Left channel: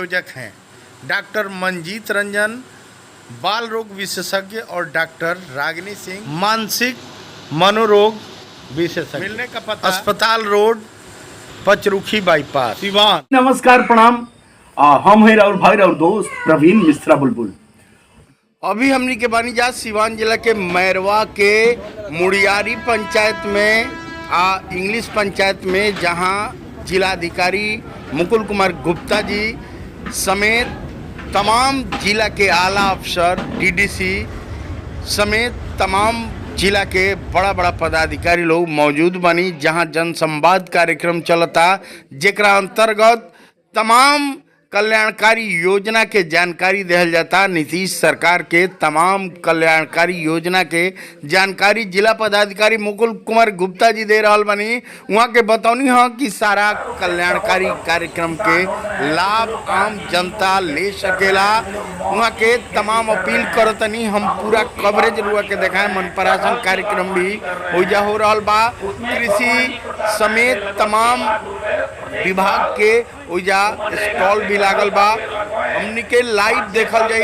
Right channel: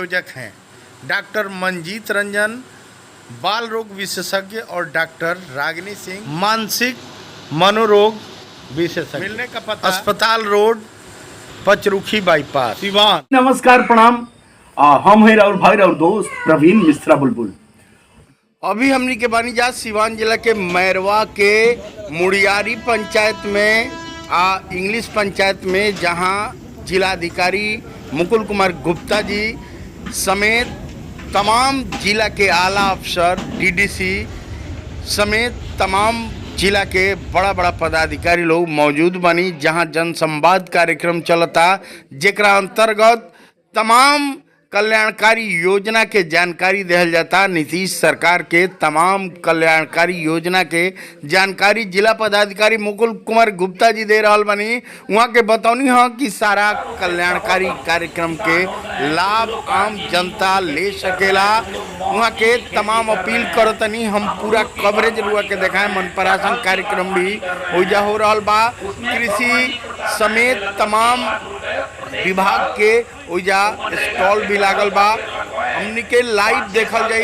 संयोजक हैं डॉक्टर मंजीत रंजन, बाल रोग विशेषज्ञ, और डॉक्टर रागिनी सिंह, मानसिक मनोरोग विशेषज्ञ। मिलने का पता अस्पताल रोड, पचरुखी बाईपास, सिवान। नमस्कार, प्रणाम। हम हैं राहुल भाई और दोस्त प्रवीण मिश्रा बुलबुल। अभी हमनी के बानीजा सिवान जिला के मैरवा के मुड़ियारी पंचायत में इंग्लिश पंचायत में, जहां जिलाधिकारी मुकुल कुमार गुप्ता जी समेत तमाम जिला के आला अफसर, डीडीसी समेत तमाम जिला के बड़ा बड़ा पदाधिकारी लोग मौजूद बनी, जहां जनसंवाद कार्यक्रम चलता, जेकरा अंतर्गत तमाम कल्याणकारी योजना के जानकारी दिहल जाता। नीतीश सरकार के तमाम कल्याणकारी योजना के जानकारी जिला पदाधिकारी मुकुल कुमार गुप्ता जी दे रहल बनी। वहाँ के बतौनी है कि सारा कल्याणकारी कार्यक्रम के लाभ आम जनता ले सकेला। वहाँ के तमाम अपील करतनी हम पूरा कवरेज रुआ के देखाएं। मनपरासन कार्यक्रम भी ओइजा हो रहल बा। कृषि समेत तमाम विभाग के ओइजा स्टॉल भी लागल बा। हमनी के लाइव देखल जाई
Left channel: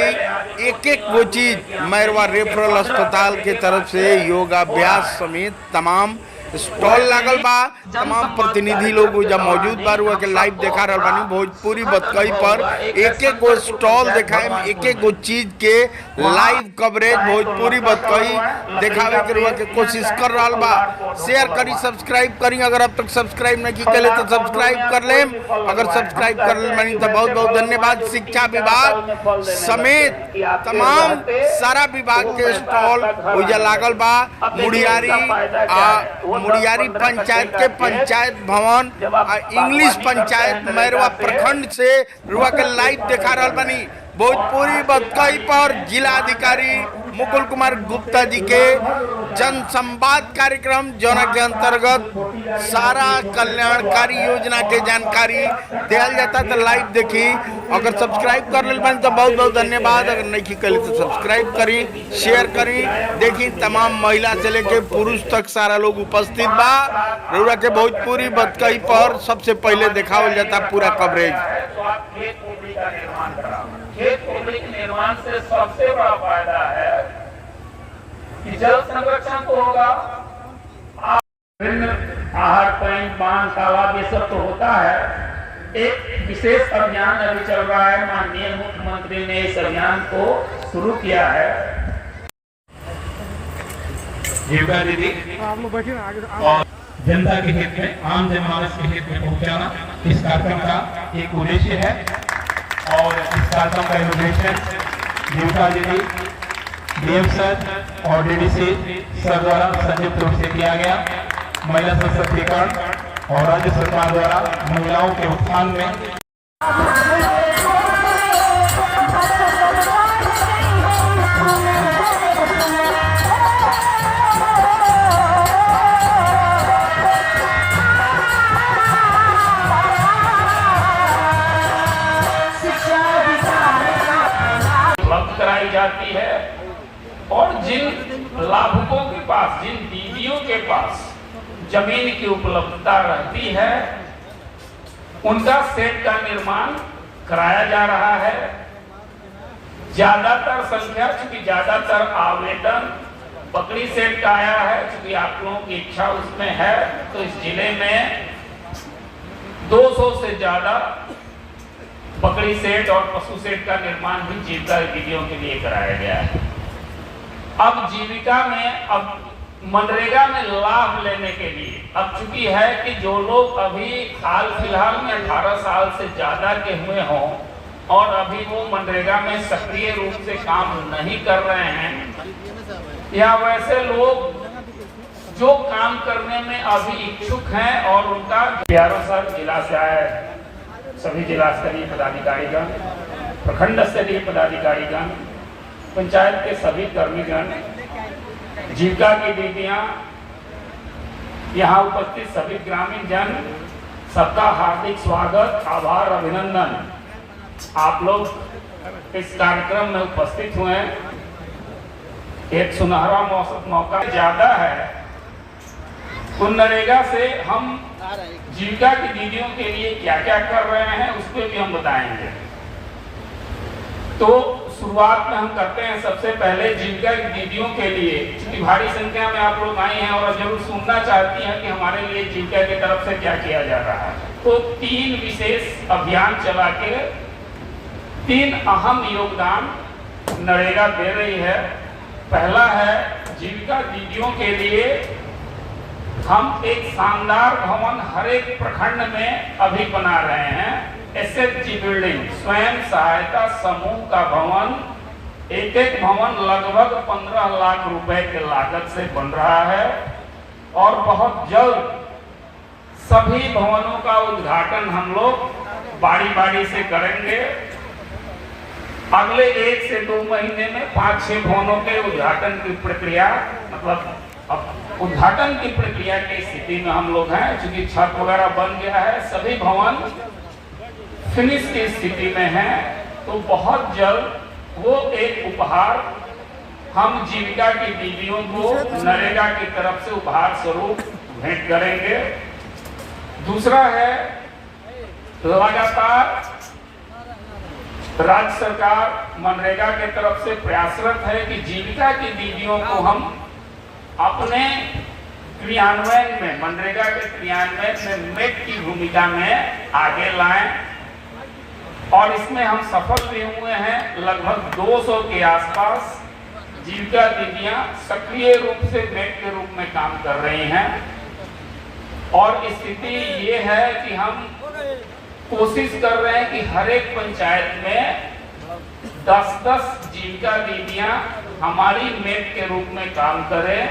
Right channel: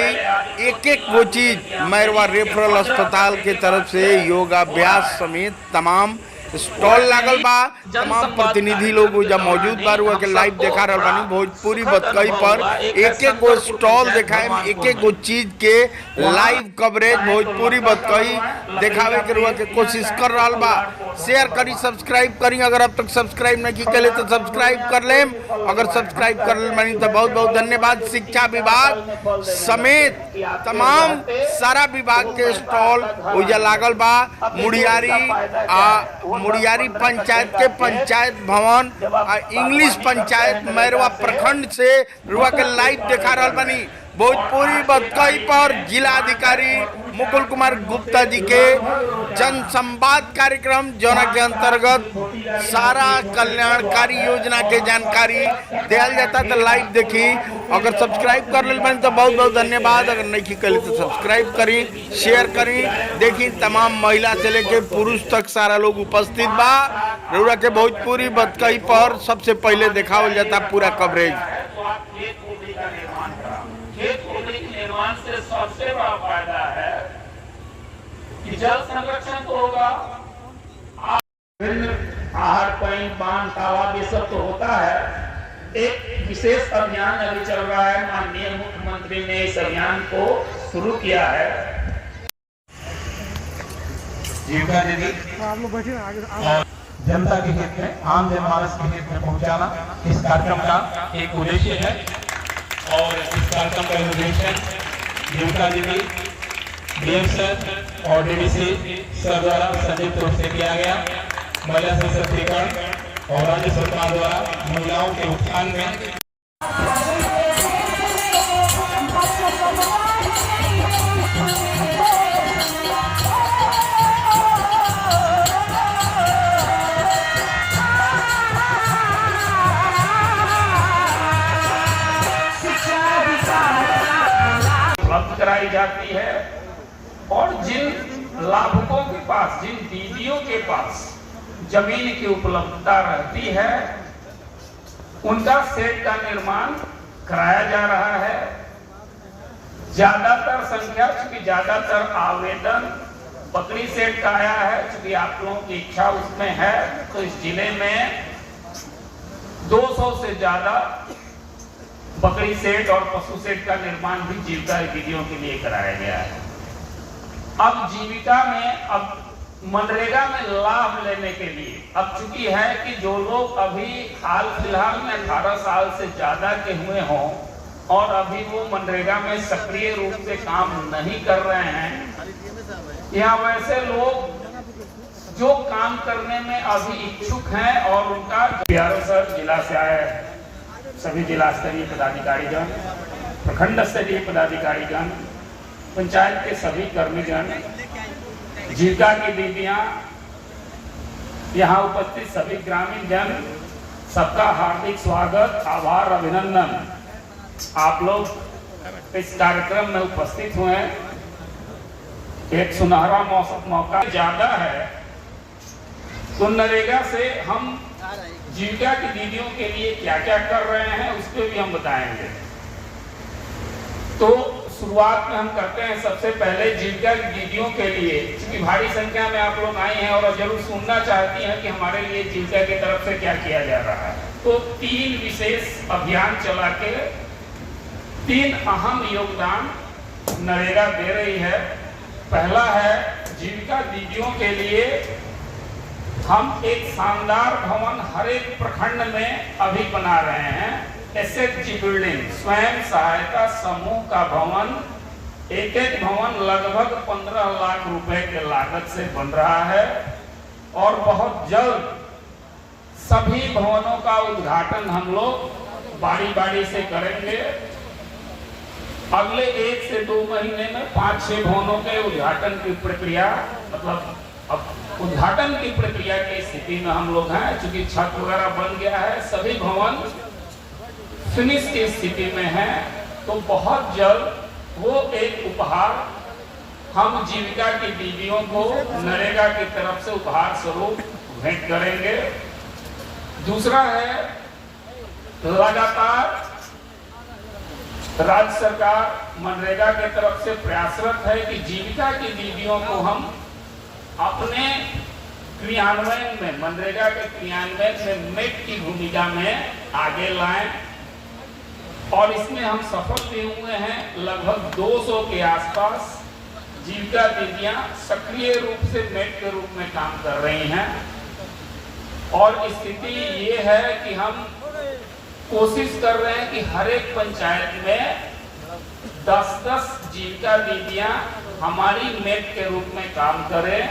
एक एक वो चीज। मैरवा रेफरल अस्पताल के तरफ से योगाभ्यास समेत तमाम स्टॉल लागल बा। तमाम प्रतिनिधि लोग ओइजा मौजूद बा, रुआ के लाइव देखा रहल बानी। भोजपुरी बतकई पर एक एक गो स्टॉल देखाए, एक एक गो चीज के लाइव कवरेज भोजपुरी बतकई देखावे के रुआ के कोशिश कर रहल बा। शेयर करी, सब्सक्राइब करी। अगर अब तक सब्सक्राइब नहीं करे तो सब्सक्राइब कर लेम। अगर सब्सक्राइब कर ले बानी तो बहुत बहुत धन्यवाद। शिक्षा विभाग समेत तमाम सारा विभाग के स्टॉल ओइजा लागल बा। मुड़ियारी पंचायत के पंचायत भवन इंग्लिश पंचायत मैरवा प्रखंड से रुआ के लाइव देखा रहल बनी। भोजपुरी बतकई पर जिलाधिकारी मुकुल कुमार गुप्ता जी के जनसंवाद कार्यक्रम, जोना के अंतर्गत सारा कल्याणकारी योजना के जानकारी दिया जाता। तो लाइव देखी। अगर सब्सक्राइब कर ले बनी तो बहुत बहुत धन्यवाद। अगर नहीं करी तो सब्सक्राइब करी, शेयर करी। देखी तमाम महिला से लेके पुरुष तक सारा लोग उपस्थित बा। रउरा के भोजपुरी बतकई पर सबसे पहले दिखावल जाता पूरा कवरेज। खेत भूमि के निर्माण से सबसे बड़ा फायदा है कि जल संरक्षण तो होगा, आहार, पानी, पान, तालाब, ये सब तो होता है। एक विशेष अभियान अभी चल रहा है। माननीय मुख्यमंत्री ने इस अभियान को शुरू किया है। जीविका दीदी और जनता के हित में, आम जनमानस के हित में पहुंचाना इस कार्यक्रम का एक उद्देश्य है। और इस कार्यक्रम का इनोवेशन जीविका दीदी, डीएम सर और डीडीसी सर द्वारा संयुक्त रूप से किया गया। महिला सशक्तिकरण और राज्य सरकार द्वारा महिलाओं के उत्थान में कराई जाती है। और जिन लाभुकों के पास, जिन दीदियों के पास जमीन की उपलब्धता रहती है, उनका सेट का निर्माण कराया जा रहा है। ज्यादातर संख्या, चूंकि ज्यादातर आवेदन बकरी सेट का आया है, चूंकि आप लोगों की इच्छा उसमें है, तो इस जिले में 200 से ज्यादा बकरी सेट और पशु सेट का निर्माण भी जीविका दीदियों के लिए कराया गया है। अब जीविका में, अब मनरेगा में लाभ लेने के लिए अब चूंकि है कि जो लोग अभी हाल फिलहाल में 18 साल से ज्यादा के हुए हों और अभी वो मनरेगा में सक्रिय रूप से काम नहीं कर रहे हैं, या वैसे लोग जो काम करने में अभी इच्छुक हैं और उनका सर जिला से आए सभी जिला स्तरीय पदाधिकारीगण, प्रखंड स्तरीय पदाधिकारीगण, पंचायत के सभी कर्मीगण, जीविका की दीदियां, यहाँ उपस्थित सभी ग्रामीण जन, सबका हार्दिक स्वागत, आभार, अभिनंदन। आप लोग इस कार्यक्रम में उपस्थित हुए। एक सुनहरा मौका ज्यादा है। मनरेगा से हम जीविका की दीदियों के लिए क्या क्या कर रहे हैं उस पर भी हम बताएंगे। तो शुरुआत में हम करते हैं सबसे पहले जीविका दीदियों के लिए, क्योंकि भारी संख्या में आप लोग आए हैं और जरूर सुनना चाहती हैं कि हमारे लिए जीविका की तरफ से क्या किया जा रहा है। तो 3 विशेष अभियान चला के 3 अहम योगदान नरेगा दे रही है। पहला है जीविका दीदियों के लिए हम एक शानदार भवन हर एक प्रखंड में अभी बना रहे हैं। एसएचजी बिल्डिंग, स्वयं सहायता समूह का भवन, एक भवन लगभग 15 लाख रुपए के लागत से बन रहा है और बहुत जल्द सभी भवनों का उद्घाटन हम लोग बारी से करेंगे। अगले 1 से 2 महीने में 5-6 भवनों के उद्घाटन की प्रक्रिया, मतलब अब उद्घाटन की प्रक्रिया की स्थिति में हम लोग हैं, क्योंकि छत वगैरह बन गया है, सभी भवन फिनिश की स्थिति में है। तो बहुत जल्द वो एक उपहार हम जीविका की दीदियों को नरेगा की तरफ से उपहार स्वरूप भेंट करेंगे। दूसरा है, लगातार राज्य सरकार मनरेगा की तरफ से प्रयासरत है कि जीविका की दीदियों को हम अपने क्रियान्वयन में, मनरेगा के क्रियान्वयन में मेट की भूमिका में आगे लाएं और इसमें हम सफल भी हुए हैं। लगभग 200 के आसपास जीविका दीदियां सक्रिय रूप से मेट के रूप में काम कर रही हैं और स्थिति ये है कि हम कोशिश कर रहे हैं कि हर एक पंचायत में 10-10 जीविका दीदियां हमारी मेट के रूप में काम करें,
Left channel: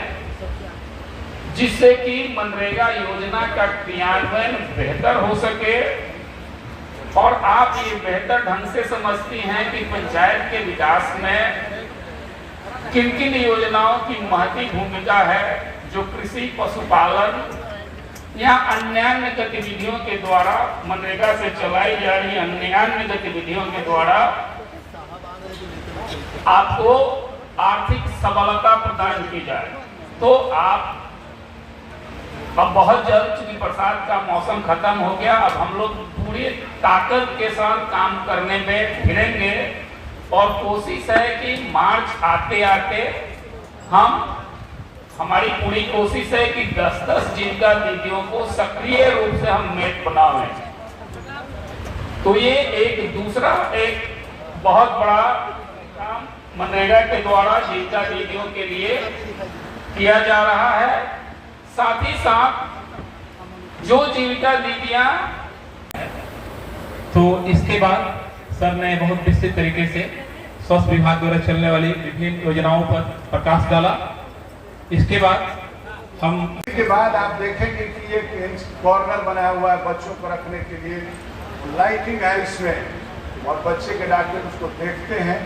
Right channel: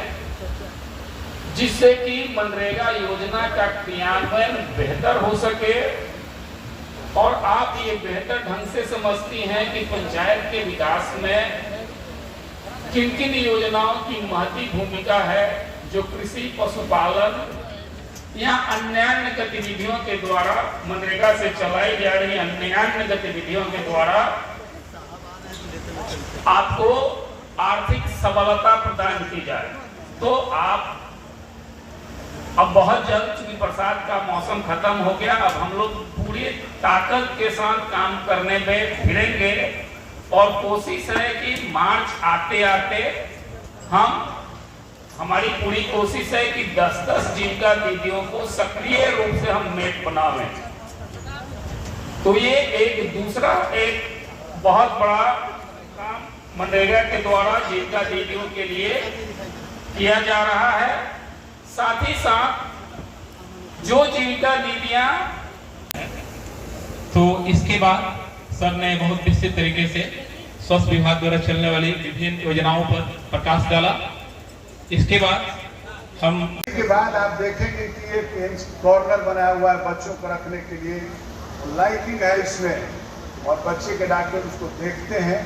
जिससे कि मनरेगा योजना का क्रियान्वयन बेहतर हो सके। और आप ये बेहतर ढंग से समझती हैं कि पंचायत के विकास में किन किन योजनाओं की महती भूमिका है, जो कृषि, पशुपालन या अन्य गतिविधियों के द्वारा मनरेगा से चलाई जा रही अन्य गतिविधियों के द्वारा आपको आर्थिक सबलता प्रदान की जाए। तो आप अब बहुत जल्द, चूंकि बरसात का मौसम खत्म हो गया, अब हम लोग पूरी ताकत के साथ काम करने में भिड़ेंगे और कोशिश है कि मार्च आते आते हमारी पूरी कोशिश है कि 10-10 जीविका दीदियों को सक्रिय रूप से हम मेट बनाएं। तो ये एक दूसरा एक बहुत बड़ा काम मनरेगा के द्वारा जीविका दीदियों के लिए किया जा रहा है। साथ ही साथ जो जीविका दीदियां, तो इसके बाद सर ने बहुत विस्तृत तरीके से स्वास्थ्य विभाग द्वारा चलने वाली विभिन्न योजनाओं पर प्रकाश डाला। इसके बाद आप देखेंगे कि एक कॉर्नर बनाया हुआ है बच्चों को रखने के लिए, लाइटिंग है इसमें और बच्चे के डॉक्टर उसको देखते हैं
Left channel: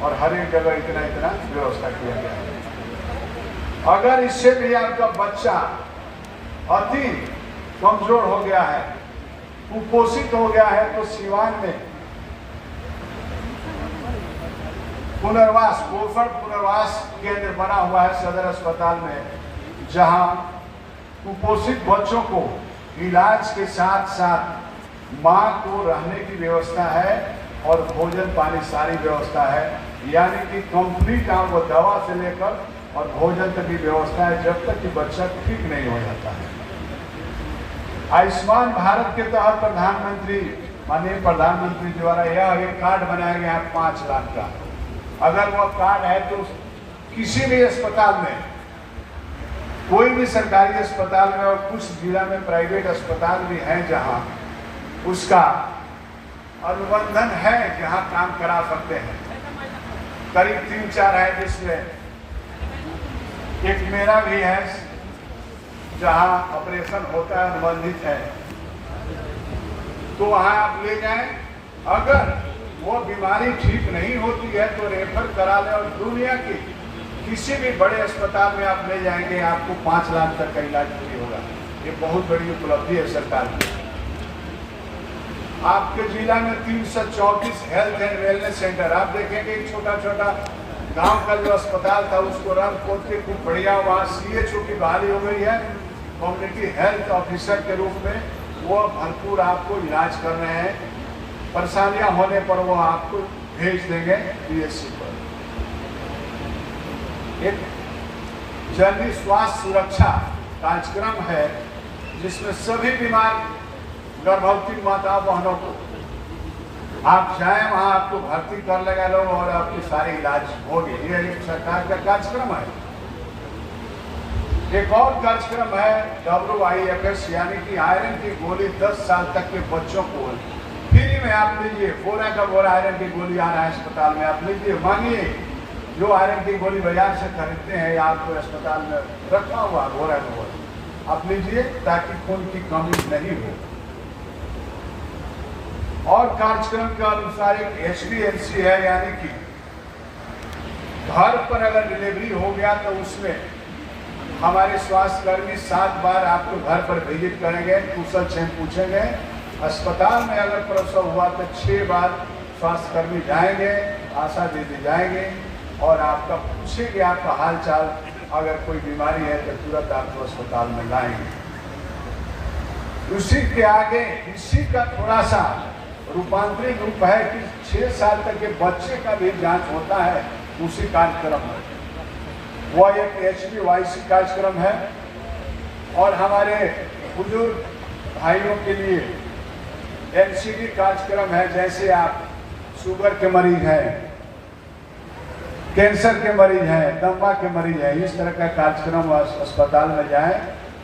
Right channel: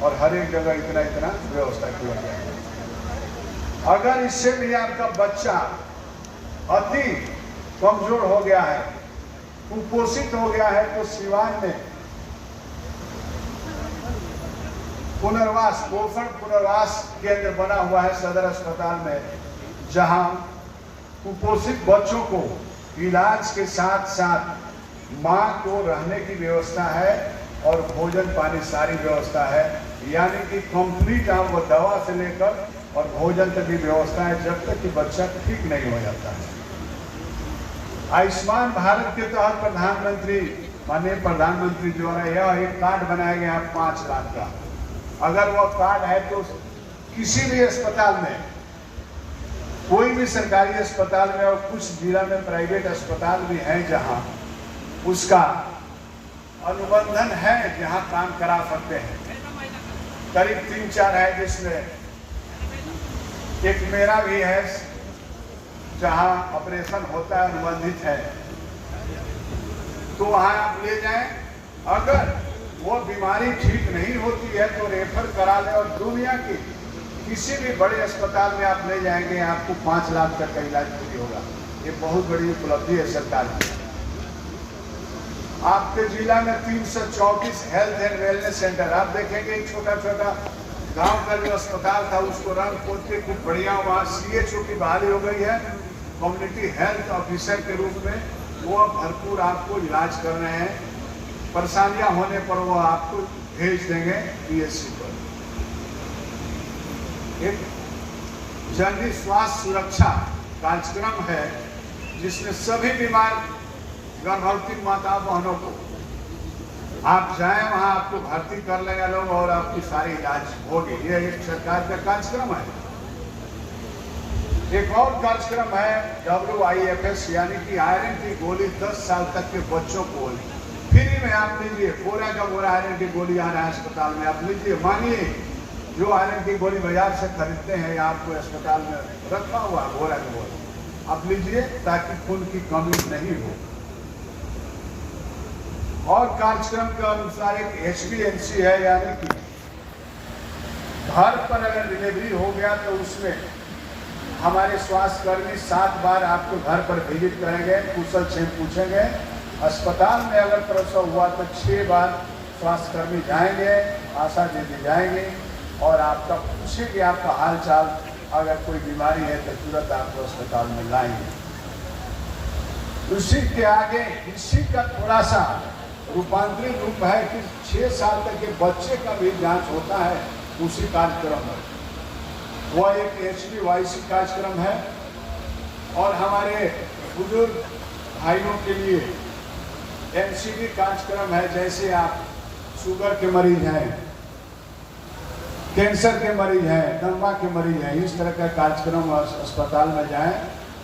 और हर एक जगह इतना व्यवस्था किया गया है। अगर इससे भी आपका बच्चा अति कमजोर हो गया है, कुपोषित हो गया है, तो सिवान में पोषण पुनर्वास केंद्र बना हुआ है सदर अस्पताल में, जहां कुपोषित बच्चों को इलाज के साथ साथ मां को रहने की व्यवस्था है और भोजन पानी सारी व्यवस्था है। यानी कि कंप्लीट आपको दवा से लेकर और भोजन तक की व्यवस्था है, जब तक कि बच्चा ठीक नहीं हो जाता है। आयुष्मान भारत के तहत माननीय प्रधानमंत्री द्वारा यह एक कार्ड बनाया गया 5 लाख का। अगर वह कार्ड है तो किसी भी अस्पताल में, कोई भी सरकारी अस्पताल में, और कुछ जिला में प्राइवेट अस्पताल भी हैं जहां उसका अनुबंधन है, जहां काम करा सकते हैं। करीब 3-4 है, जिसमें एक मेरा भी है जहां ऑपरेशन होता है, अनुबंधित है, तो वहां आप ले जाएं। अगर वो बीमारी ठीक नहीं होती है तो रेफर करा लें और दुनिया के किसी भी बड़े अस्पताल में आप ले जाएंगे, आपको 5 लाख तक का इलाज फ्री होगा। ये बहुत बड़ी उपलब्धि है सरकार की। आपके जिला में 334 हेल्थ एंड वेलनेस सेंटर, आप देखेंगे एक छोटा गांव का जो अस्पताल था उसको रंग पोत के कुछ बढ़िया वहाँ CHO की बहाली हो गई है, कम्युनिटी हेल्थ ऑफिसर के रूप में। वो भरपूर आपको इलाज कर रहे हैं परेशानियां होने पर वो आपको भेज देंगे PSC पर। एक जननी स्वास्थ्य सुरक्षा कार्यक्रम है जिसमें सभी बीमार गर्भवती माता बहनों को आप जाएं, वहां आपको भर्ती कर लेगा लोग और आपकी सारी इलाज होगी। ये एक सरकार का कार्यक्रम है। एक और कार्यक्रम है WIFS, यानी कि आयरन की गोली 10 साल तक के बच्चों को फ्री में आप लीजिए। बोरा का बोरा आयरन की गोली आना है अस्पताल में, आप लीजिए, मांगिए। जो आयरन की गोली बाजार से खरीदते हैं या आपको अस्पताल में रखा हुआ बोरा का बोरा आप लीजिए, ताकि खून की कमी नहीं हो। और कार्यक्रम के अनुसार एक HDMC है, यानी कि घर पर अगर डिलीवरी हो गया तो उसमें हमारे स्वास्थ्य कर्मी 7 बार आपके घर पर विजिट करेंगे, कुशल क्षेम पूछेंगे। अस्पताल में अगर प्रसव हुआ तो 6 बार स्वास्थ्य कर्मी जाएंगे, आशा दीदी जाएंगे और आपका पूछेंगे आपका हाल चाल। अगर कोई बीमारी है तो तुरंत आपको अस्पताल में लाएंगे। उसी के आगे इसी का थोड़ा सा रूपांतरित रूप है कि 6 साल तक के बच्चे का भी जांच होता है उसी कार्यक्रम में। वह एक HDYC कार्यक्रम है। और हमारे बुजुर्ग भाइयों के लिए NCD कार्यक्रम है। जैसे आप शुगर के मरीज हैं, कैंसर के मरीज हैं, दमा के मरीज हैं, इस तरह का कार्यक्रम अस्पताल में जाएं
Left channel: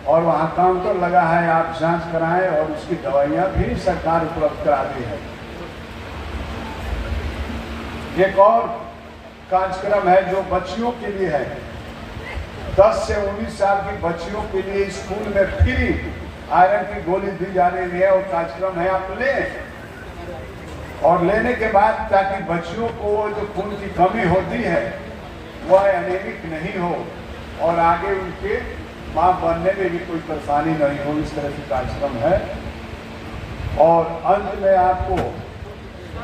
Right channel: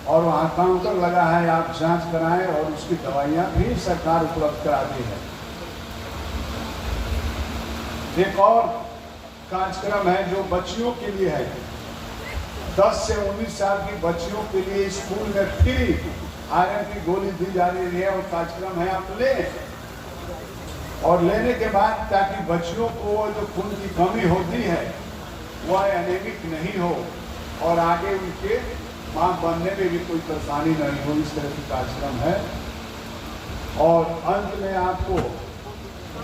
और वहाँ काउंटर लगा है, आप जांच कराएं और उसकी दवाइयाँ भी सरकार उपलब्ध कराती है। एक और कार्यक्रम है जो बच्चियों के लिए है। 10 से 19 साल की बच्चियों के लिए स्कूल में फ्री आयरन की गोली दी जा रही है और कार्यक्रम है, आप लें। और लेने के बाद ताकि बच्चियों को जो खून की कमी होती है वह एनीमिक नहीं हो और आगे उनके मां बनने में भी कोई परेशानी नहीं हो, इस तरह की कार्यक्रम है। और अंत में आपको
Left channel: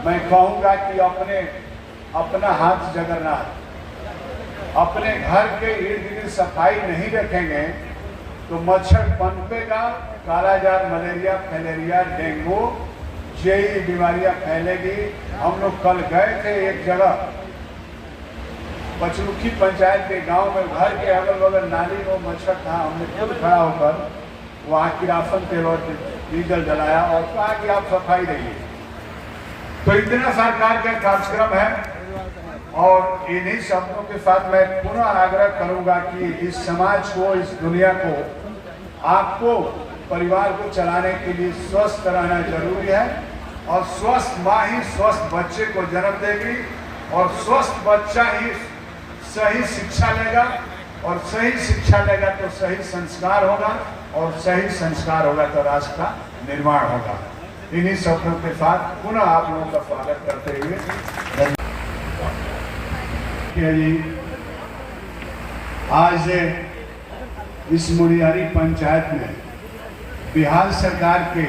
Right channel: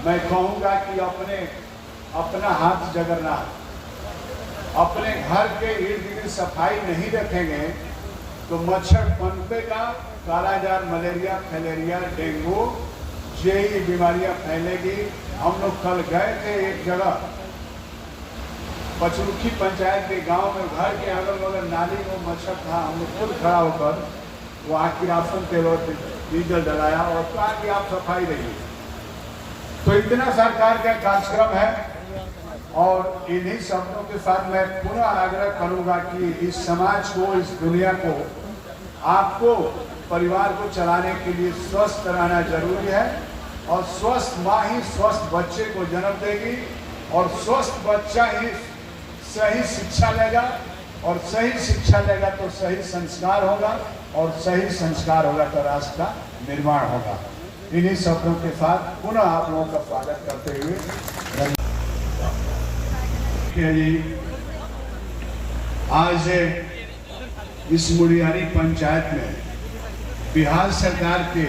मैं कहूँगा कि अपना हाथ जगन्नाथ, अपने घर के इर्द गिर्द सफाई नहीं रखेंगे तो मच्छर पनपेगा, कालाजार, मलेरिया, फैलेरिया, डेंगू, यही बीमारियां फैलेगी। हम लोग कल गए थे एक जगह, पचरुखी पंचायत के गांव में, घर के अगल बगल नाली में मच्छर था। हमने खुद खड़ा होकर वहाँ किरासन तेल और डीजल जलाया और कहा कि आप सफाई रखिए। तो इतना सरकार का कार्यक्रम है। और इन्हीं शब्दों के साथ मैं पुनः आग्रह करूंगा कि इस समाज को, इस दुनिया को, आपको परिवार को चलाने के लिए स्वस्थ रहना जरूरी है। और स्वस्थ माँ ही स्वस्थ बच्चे को जन्म देगी और स्वस्थ बच्चा ही सही शिक्षा लेगा और सही शिक्षा लेगा तो सही संस्कार होगा और सही संस्कार होगा तो राष्ट्र का निर्माण होगा। इन्हीं शब्दों के साथ पुनः आप लोगों का स्वागत करते हुए आज इस मुड़ियारी पंचायत में बिहार सरकार के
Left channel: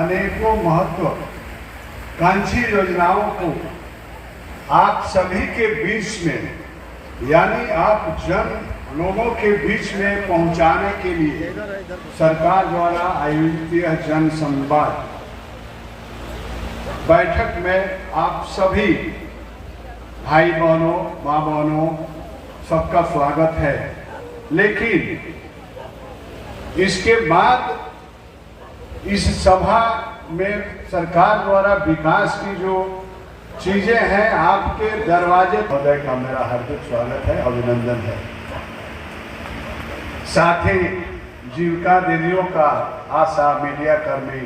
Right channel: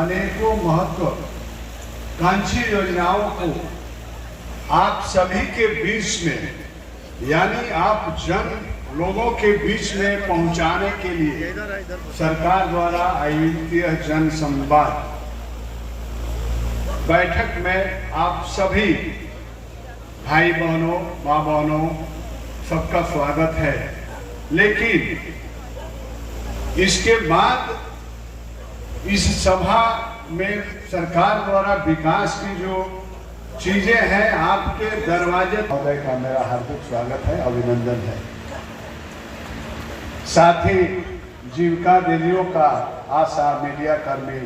अनेकों महत्वाकांक्षी योजनाओं को आप सभी के बीच में, यानी आप लोगों के बीच में पहुंचाने के लिए सरकार द्वारा आयोजित यह जन संवाद बैठक में आप सभी भाई बहनों, माँ बहनों, सबका स्वागत है। लेकिन इसके बाद इस सभा में सरकार द्वारा विकास की जो चीजें हैं, आपके दरवाजे महोदय का मेरा हार्दिक स्वागत है, अभिनंदन है। साथ ही जीविका दीदियों का, आशा, मीडिया कर्मी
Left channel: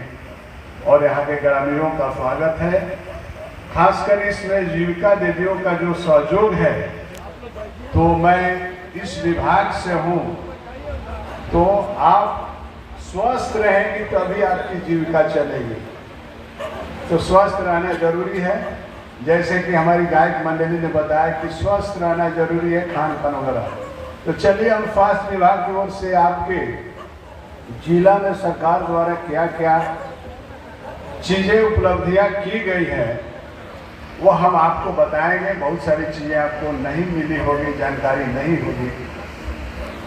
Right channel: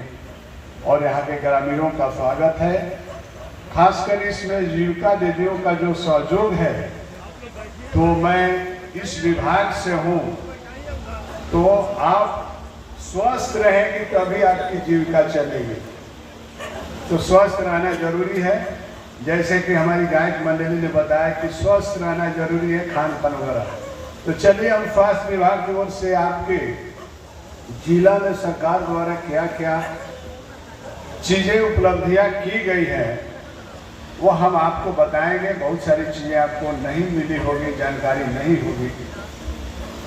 और यहाँ के ग्रामीणों का स्वागत है। खासकर इसमें जीविका दीदियों का जो सहयोग है, तो मैं इस विभाग से हूँ, तो आप स्वस्थ रहेंगे तभी आपकी जीविका चलेगी। तो स्वस्थ रहना जरूरी है। जैसे कि हमारी गायक मंडली ने बताया कि स्वस्थ रहना जरूरी है, खान पान वगैरह। तो चलिए हम स्वास्थ्य विभाग की ओर से आपके जिला में सरकार द्वारा क्या क्या चीजें उपलब्धियां की गई है वो हम आपको बताएंगे। बहुत सारी चीजें आपको नहीं मिली होगी, जानकारी नहीं होगी।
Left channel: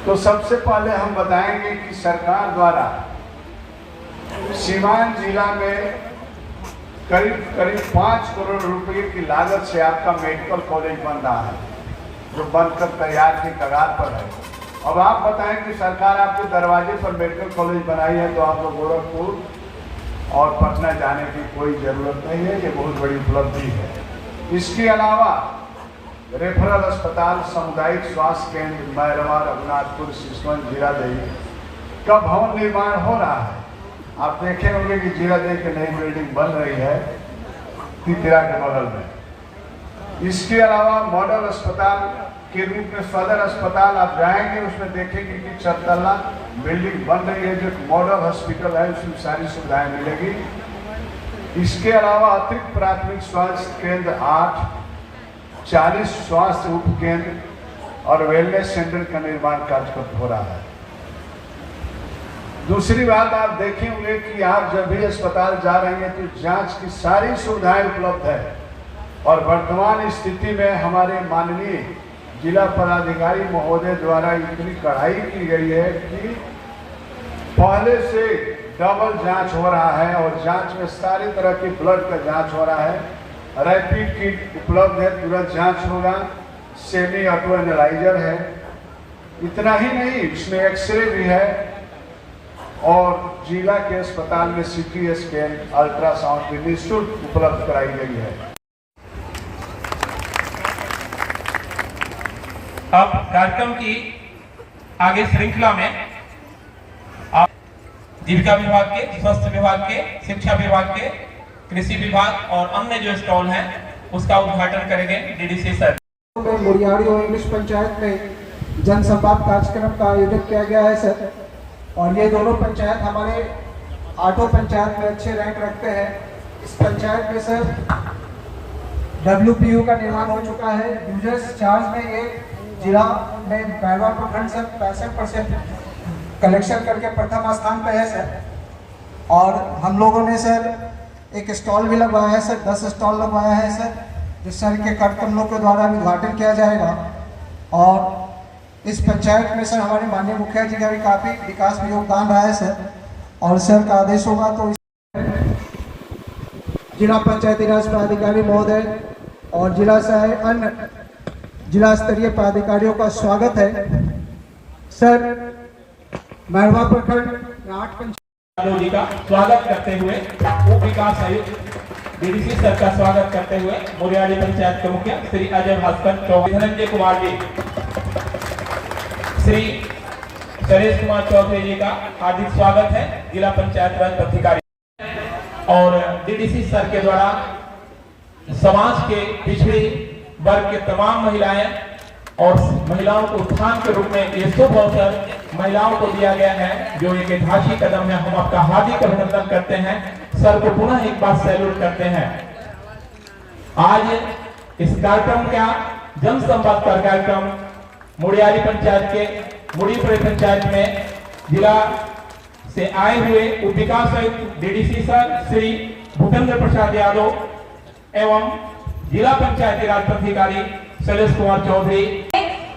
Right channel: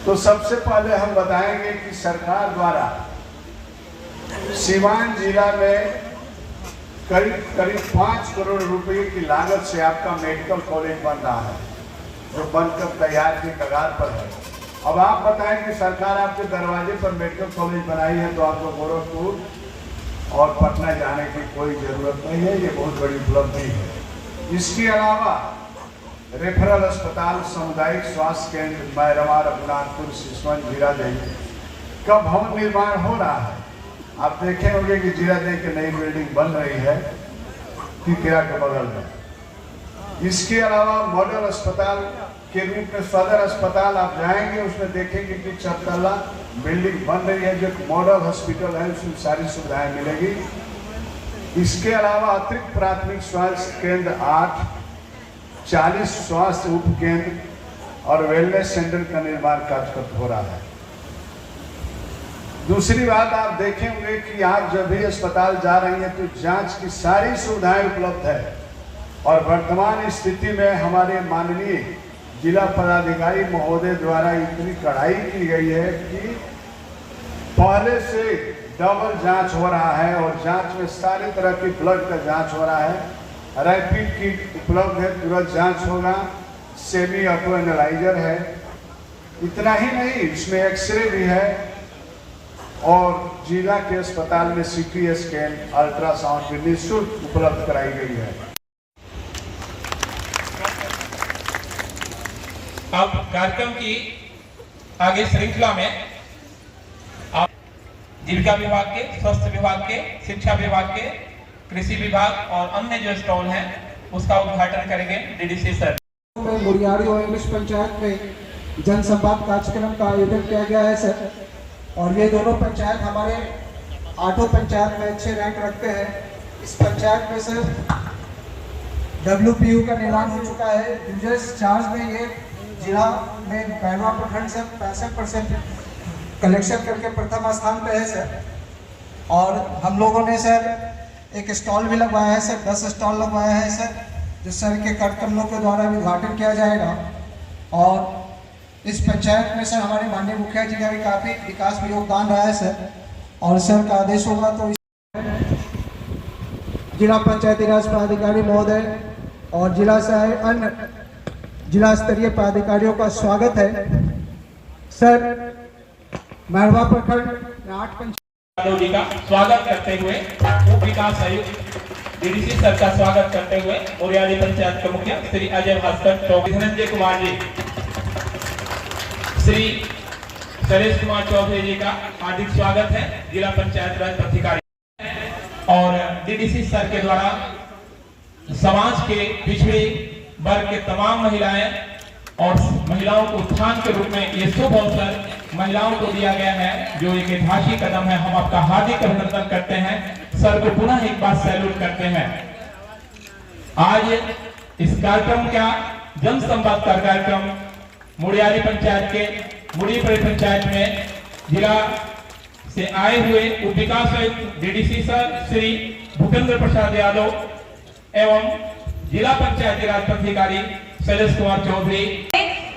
तो सबसे पहले हम बताएंगे कि सरकार द्वारा सीवान जिला में करीब करीब 5 करोड़ रुपए की लागत से आपका मेडिकल कॉलेज बन रहा है, जो बनकर तैयार के कगार पर है। अब आप बताएं कि सरकार आपके दरवाजे पर मेडिकल कॉलेज बनाई है तो आपको गोरखपुर और पटना जाने की कोई जरूरत नहीं है, ये बहुत बड़ी उपलब्धि है। इसके अलावा रेफरल अस्पताल, सामुदायिक स्वास्थ्य केंद्र मैरवा, रघुनाथपुर, सिसवन, जीरादेई का भवन निर्माण हो रहा है। आप देखे होंगे कि जीरादेई की नई बिल्डिंग बन रही है तितरा के बगल में। इसके अलावा मॉडल अस्पताल के रूप में सदर अस्पताल आप जाएंगे, उसमें देखेंगे कि 4 तल्ला बिल्डिंग बन रही है, जो मॉडल हॉस्पिटल है, उसमें सारी सुविधाएं मिलेगी। इसके अलावा अतिरिक्त प्राथमिक स्वास्थ्य केंद्र 8, 40 स्वास्थ्य उप केंद्र और वेलनेस सेंटर का निर्माण कार्य हो रहा है। दूसरी बात, आप देखेंगे कि आप जब भी अस्पताल जा रहे हैं तो जांच की सारी सुविधाएं उपलब्ध है। और वर्तमान स्थिति में हमारे माननीय जिला पदाधिकारी महोदय द्वारा इतनी कड़ाई की गई है कि पहले से डबल जांच हो रहा है और जांच में सारी तरह की ब्लड का जांच हो रहा है। रैपिड किट उपलब्ध है, तुरंत जांच होगा। सेमी ऑटो एनालाइजर है। इतना ही नहीं, इसमें एक्सरे भी है और जिला के अस्पताल में सीटी स्कैन, अल्ट्रासाउंड भी निःशुल्क उपलब्ध कराई गई है। अब कार्यक्रम की आगे श्रृंखला में आप जीविका विभाग के, स्वास्थ्य विभाग के, शिक्षा विभाग के, कृषि विभाग और अन्य जो स्टॉल हैं उसका उद्घाटन करेंगे डीडीसी सर। मुड़ियारी और इंग्लिश पंचायत में जनसंवाद कार्यक्रम का आयोजन किया गया है सर। और ये दोनों पंचायत हमारे 8 पंचायत में अच्छे रैंक रखते हैं। इस पंचायत में सर WPU का निर्माण हो चुका है। यूजर्स चार्ज में ये जिला में मैरवा प्रखंड से 65% कलेक्शन करके प्रथम स्थान पे है सर। और हम लोगों ने सर एक स्टॉल भी लगवाया है सर, 10 स्टॉल लगवाया है सर, जो सर के कार्यक्रमों के द्वारा उद्घाटन किया जाएगा। और इस पंचायत में सर हमारे माननीय मुखिया जी का भी काफ़ी विकास में योगदान रहा है सर। और सर का आदेश होगा तो जिला पंचायती राज पदाधिकारी महोदय और जिला से अन्य जिला स्तरीय पदाधिकारियों का स्वागत है सर। मैरवा प्रखंड 8 जी का स्वागत करते हुए उप विकास आयुक्त डीडीसी सर का स्वागत करते हुए मुड़ियारी पंचायत के मुखिया श्री अजय भास्कर चौधरी, धनंजय कुमार जी, श्री सुरेश कुमार चौधरी जी का हार्दिक स्वागत है, जिला पंचायत राज अधिकारी। और डीडीसी सर के द्वारा समाज के पिछड़े वर्ग के तमाम महिलाएं और महिलाओं को उत्थान के रूप में ये शुभ अवसर महिलाओं को दिया गया है, जो एक ऐतिहासिक कदम है। हम आपका हार्दिक अभिनंदन करते हैं, सर को पुनः एक बार सैल्यूट करते हैं। आज इस कार्यक्रम का जनसंवाद का कार्यक्रम मुड़ियारी पंचायत के मुड़ीपुर पंचायत में जिला से आए हुए उप विकास आयुक्त डीडीसी सर श्री भूपेंद्र प्रसाद यादव एवं जिला पंचायती राज अधिकारी सुरेश कुमार चौधरी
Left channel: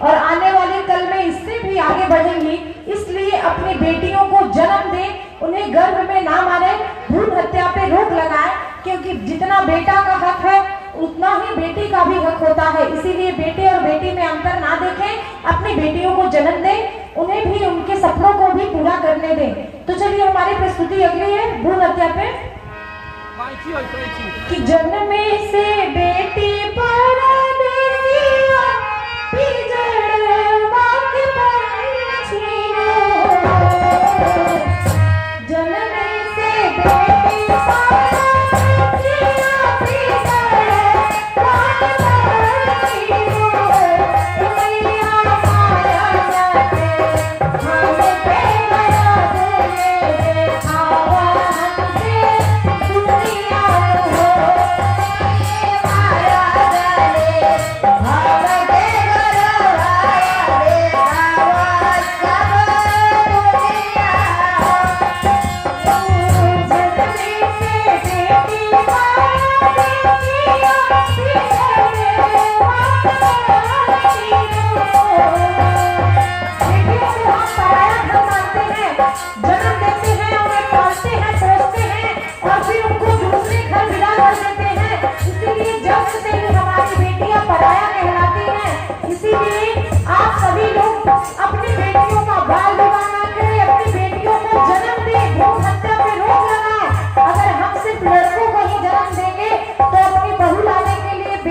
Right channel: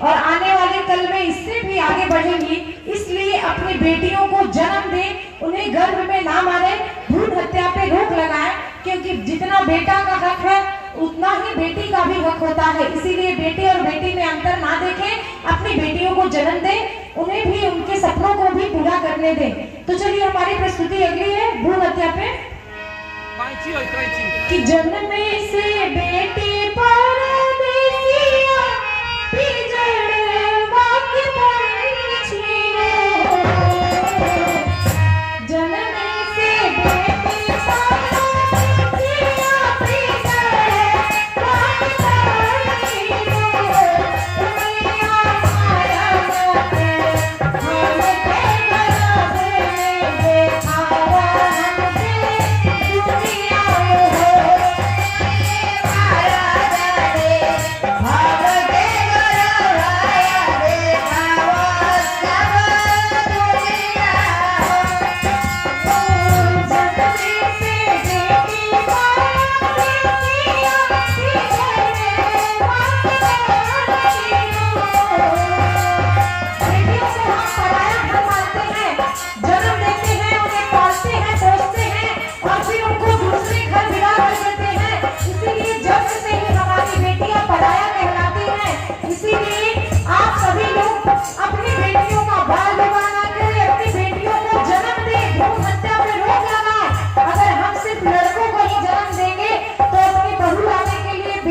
और आने वाले कल में इससे भी आगे बढ़ेंगी। इसलिए अपनी बेटियों को जन्म दें, उन्हें गर्भ में ना मारे, भ्रूण हत्या पे रोक लगाएं, क्योंकि जितना बेटा का हक है उतना ही बेटी का भी हक होता है। इसीलिए बेटे और बेटी में अंतर ना देखें, अपनी बेटियों को जन्म दें, उन्हें भी उनके सपनों को भी पूरा करने दें। तो चलिए हमारी प्रस्तुति अगली है भ्रूण हत्या पे। कि जन्मे से बेटी परदेसिया पिजड़वा के पंछियों, जन्मे से बेटी परदेसिया पिजड़वा के पंछियों, दुनिया माया करते हमके बराबर देखावा हमसे दुनिया हो।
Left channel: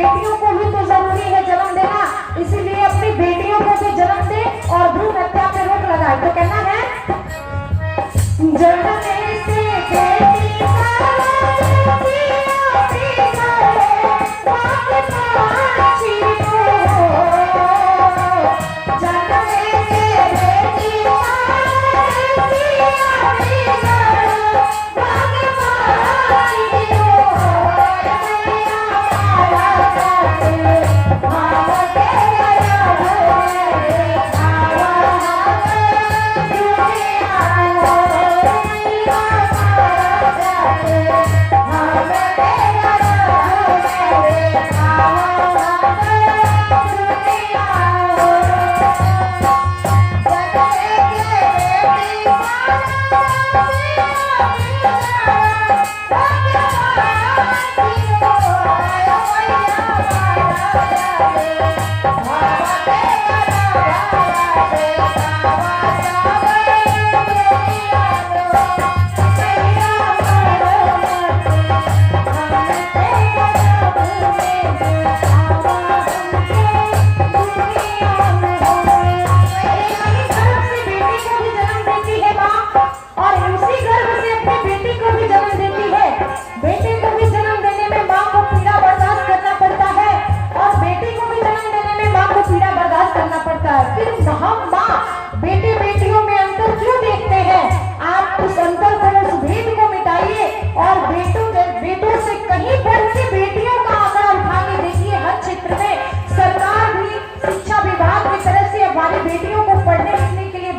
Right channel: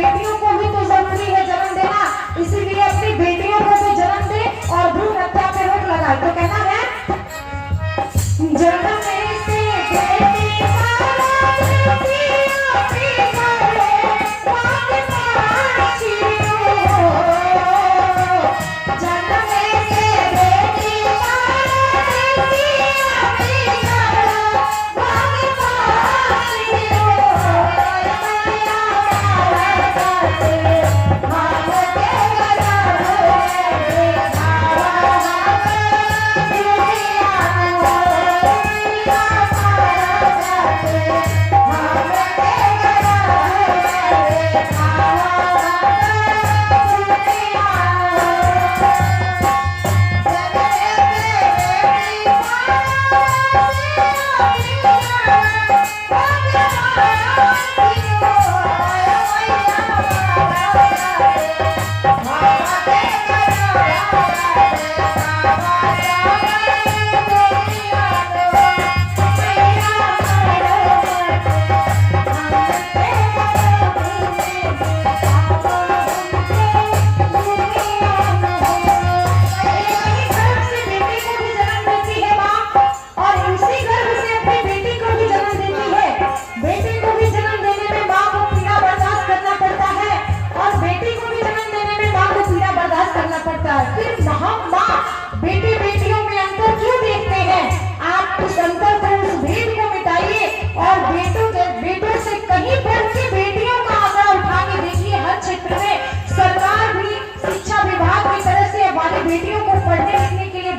बेटियों को भी तो जरूरी है जन्म देना, इसीलिए अपनी बेटियों को भी जन्म दे और भ्रूण हत्या पे रोक लगाए। तो कहना है जन्म से बेटी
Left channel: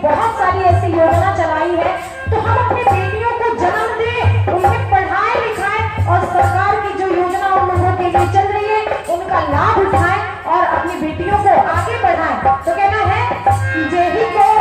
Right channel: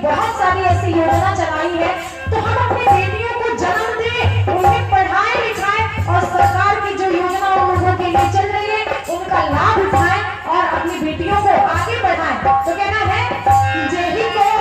बहुत सारी ऐसी योजना चलाई है। तो हम अपनी बेटियों को जन्म दें, उन्हें पढ़ाएं लिखाएं और सरकार की जो योजना उन लोगों के लिए चल रही है उनका लाभ उठाएं और अपनी बेटियों को आगे बढ़ाएं। तो कहना है जय ही को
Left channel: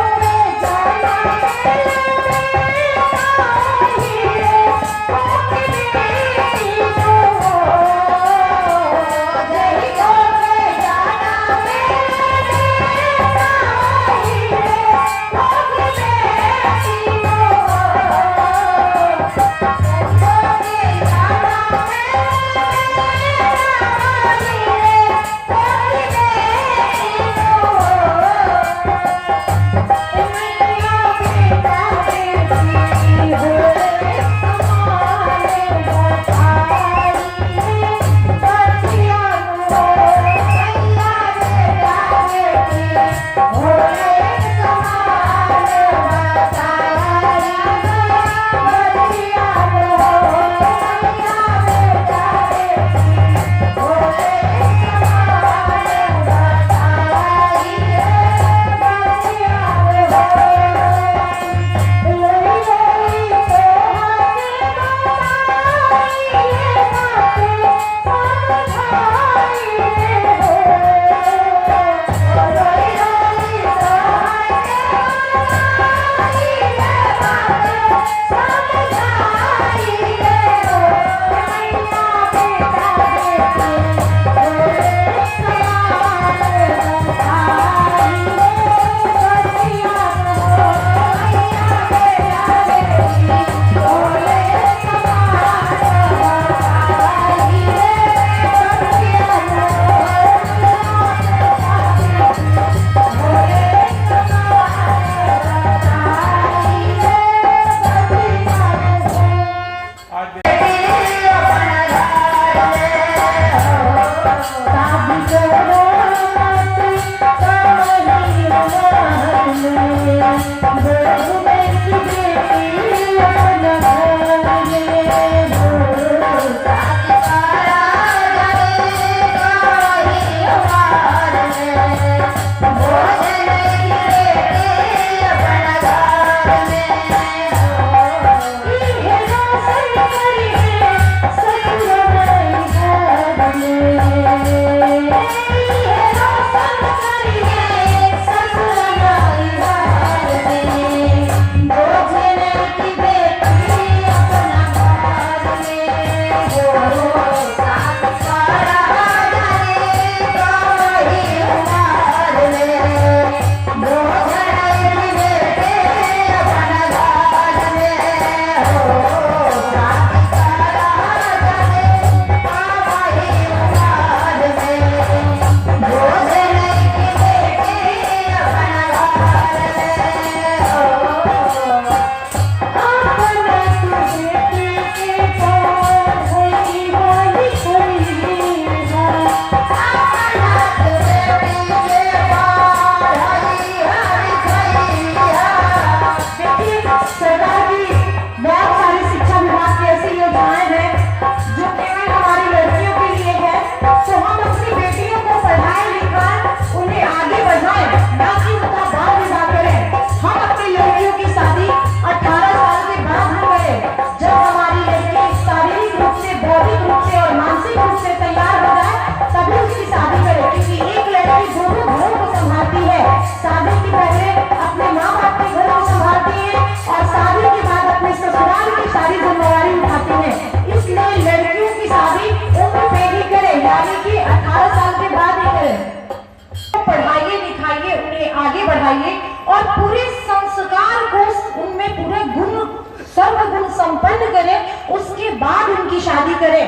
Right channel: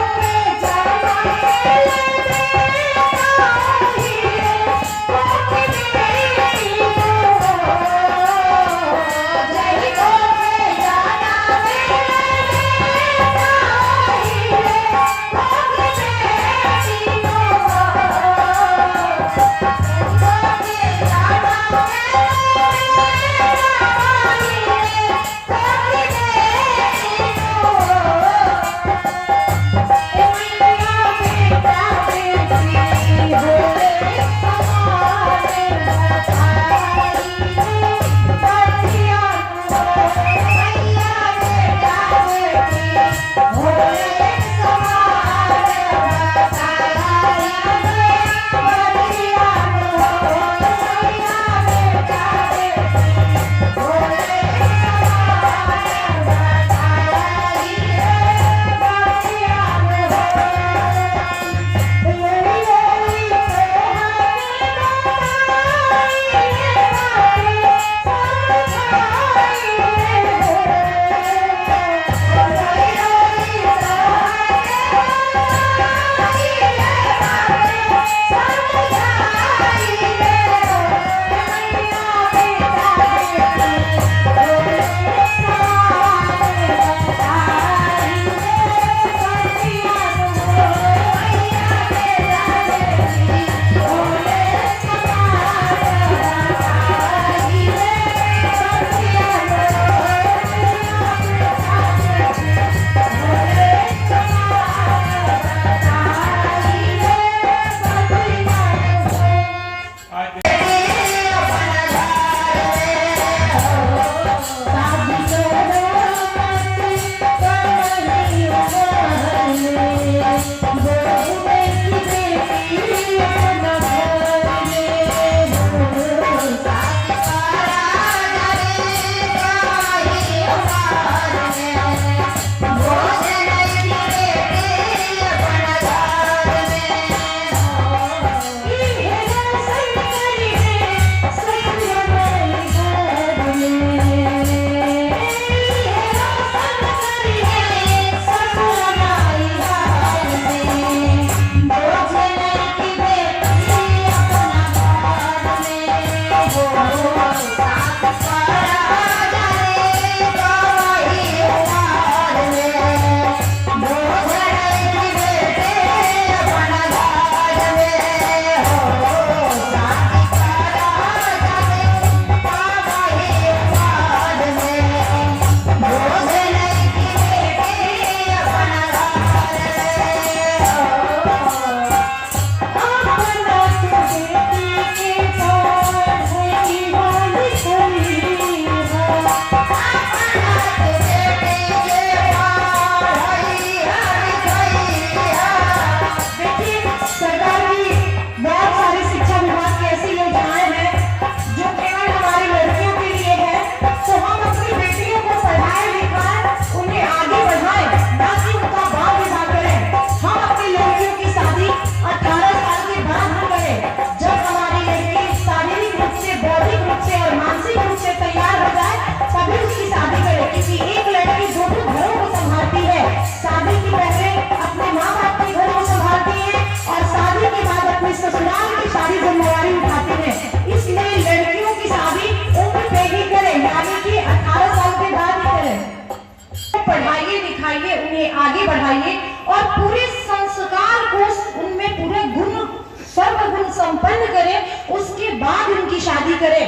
बाद उनकी शादी करें।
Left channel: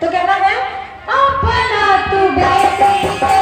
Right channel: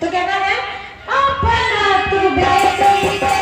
तो कहना है अपना तू बेटी के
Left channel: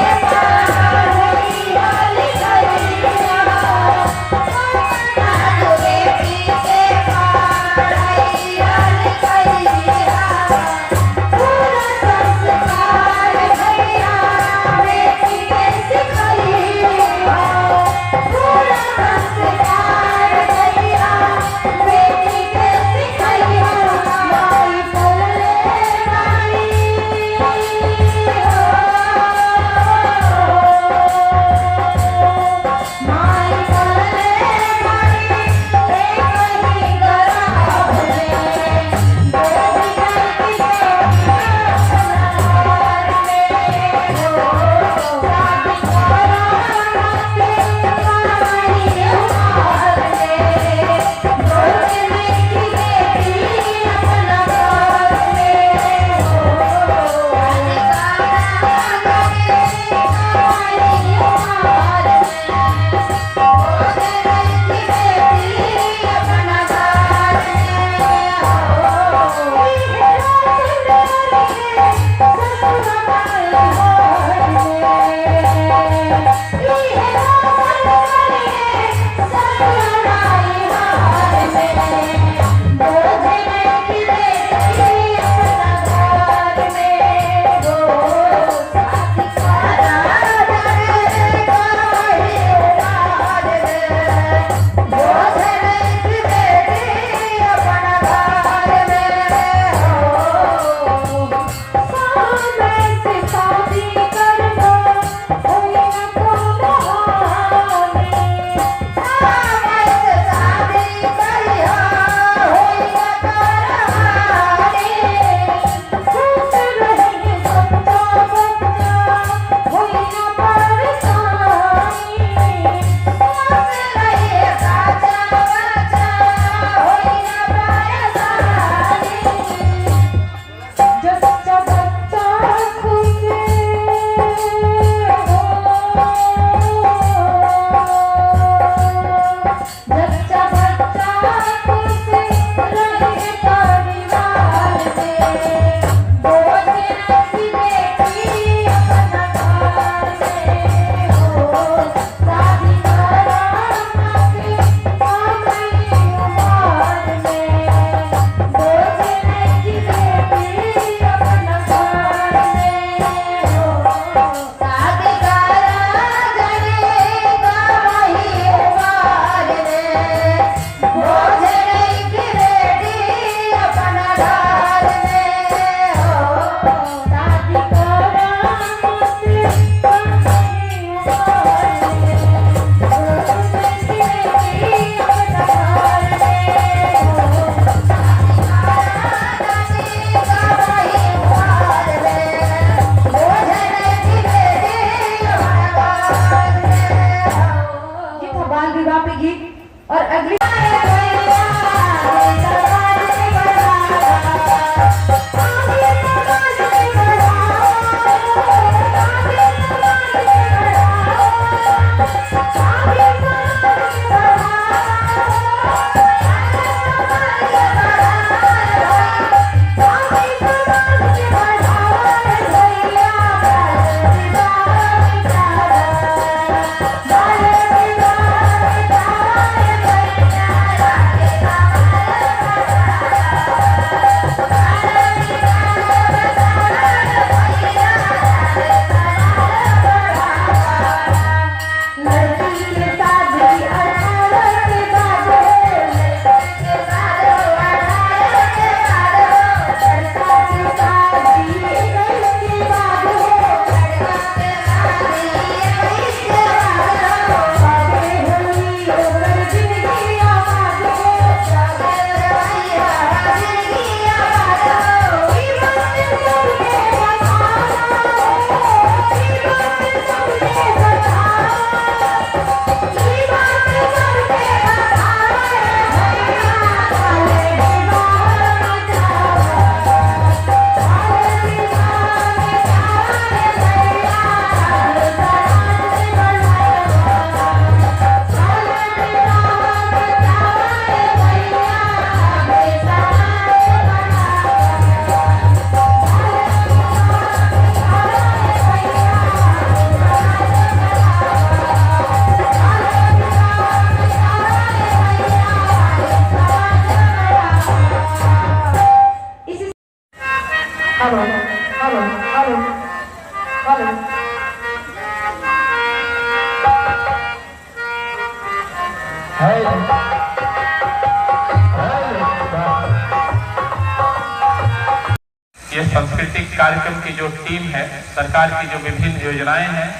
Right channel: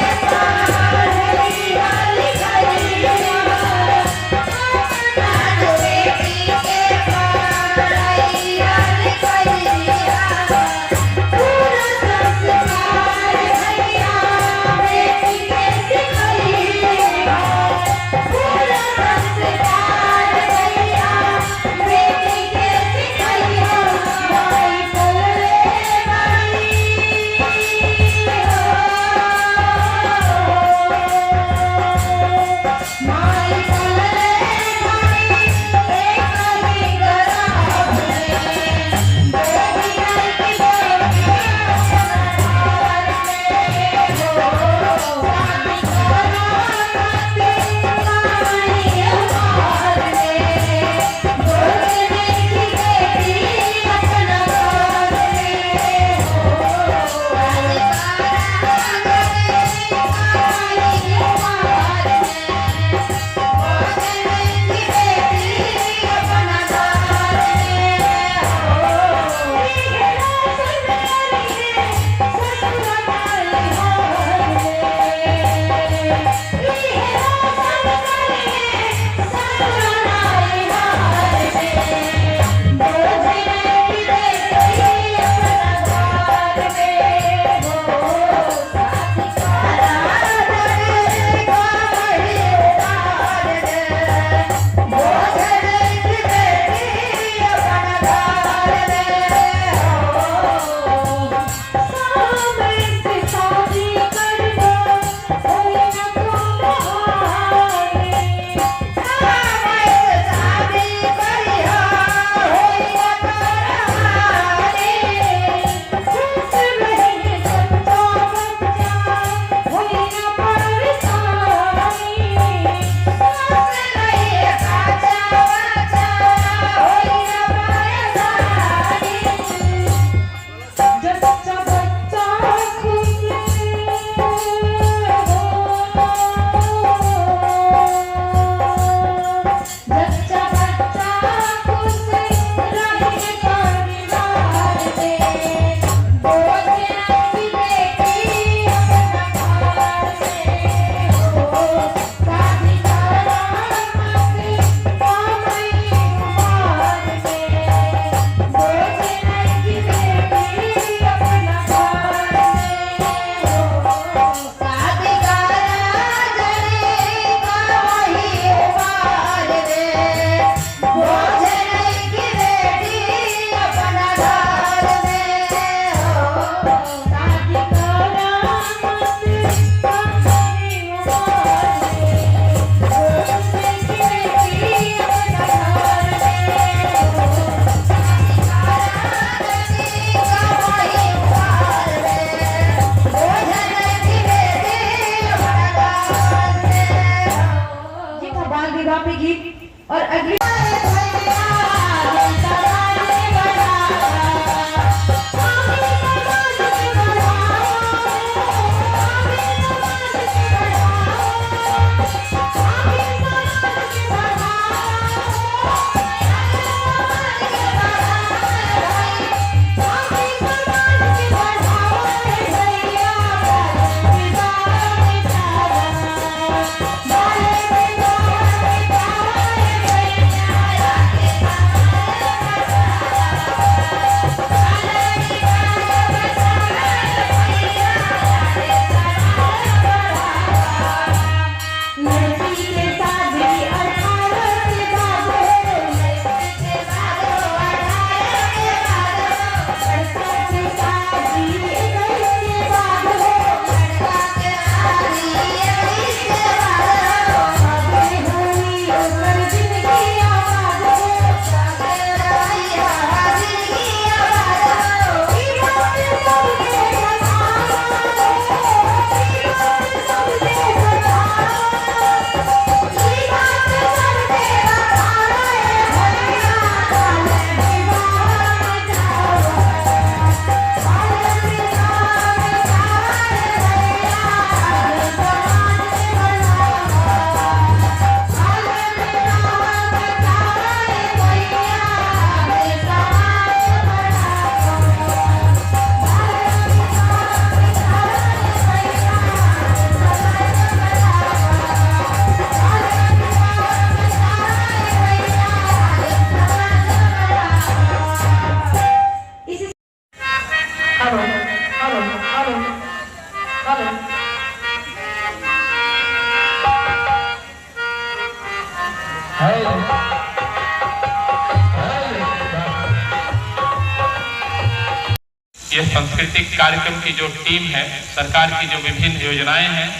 ये सांस्कृतिक कार्यक्रम की जो टीम है, सरकार की जो विभिन्न योजनाएं हैं,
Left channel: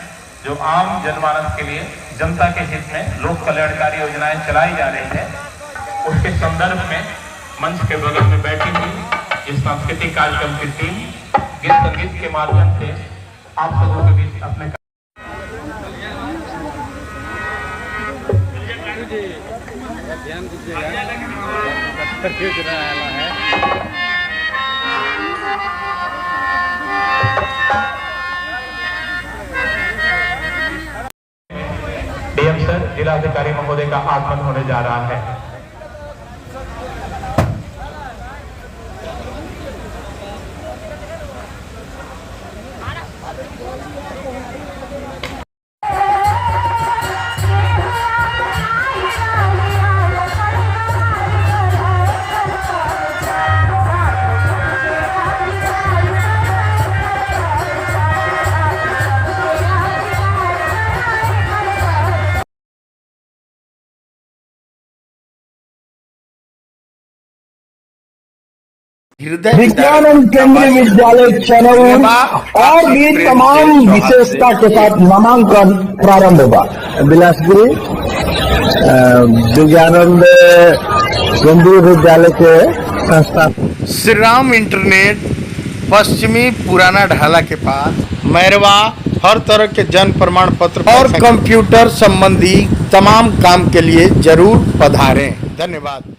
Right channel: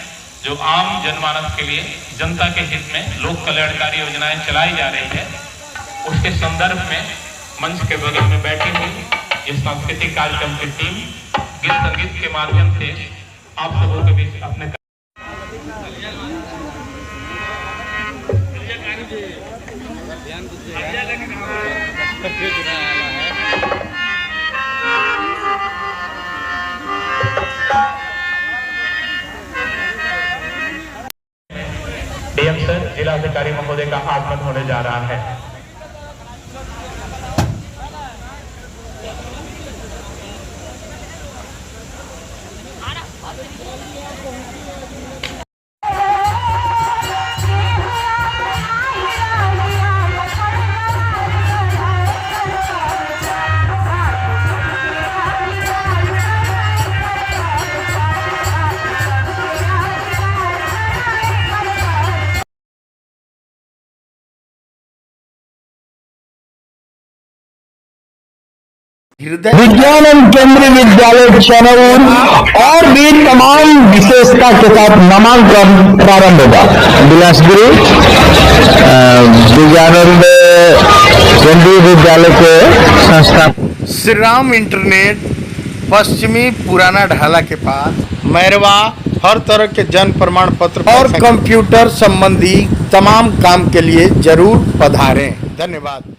जो आम जनमानस के लिए, जनता के हित में लोक कल्याणकारी योजनाएं चलाई जा रही है, उसके संदर्भ में मंच के बगल में बैठी हुई इस सांस्कृतिक कार्यक्रम की टीम गीत संगीत के माध्यम से आप सबों के बीच अपने डीएम सर, जिलाधिकारी महोदय का आगमन होने जा रहा है। विज्ञान एवं केंद्रीय विद्यालय चनौर और भी तमाम विशेषता के साथ नामांकन प्रारंभ होगा। बिलासपुरी विज्ञानंद केंद्रीय विद्यालय के संस्था श्री राम इंटरनेट पश्चिमी पुराना ढाला के पास मैरवा हर तरह के जन्म प्रमाण पत्र और कंप्यूटर संबंधी तमाम काम के लिए जरूर पधारें। धन्यवाद।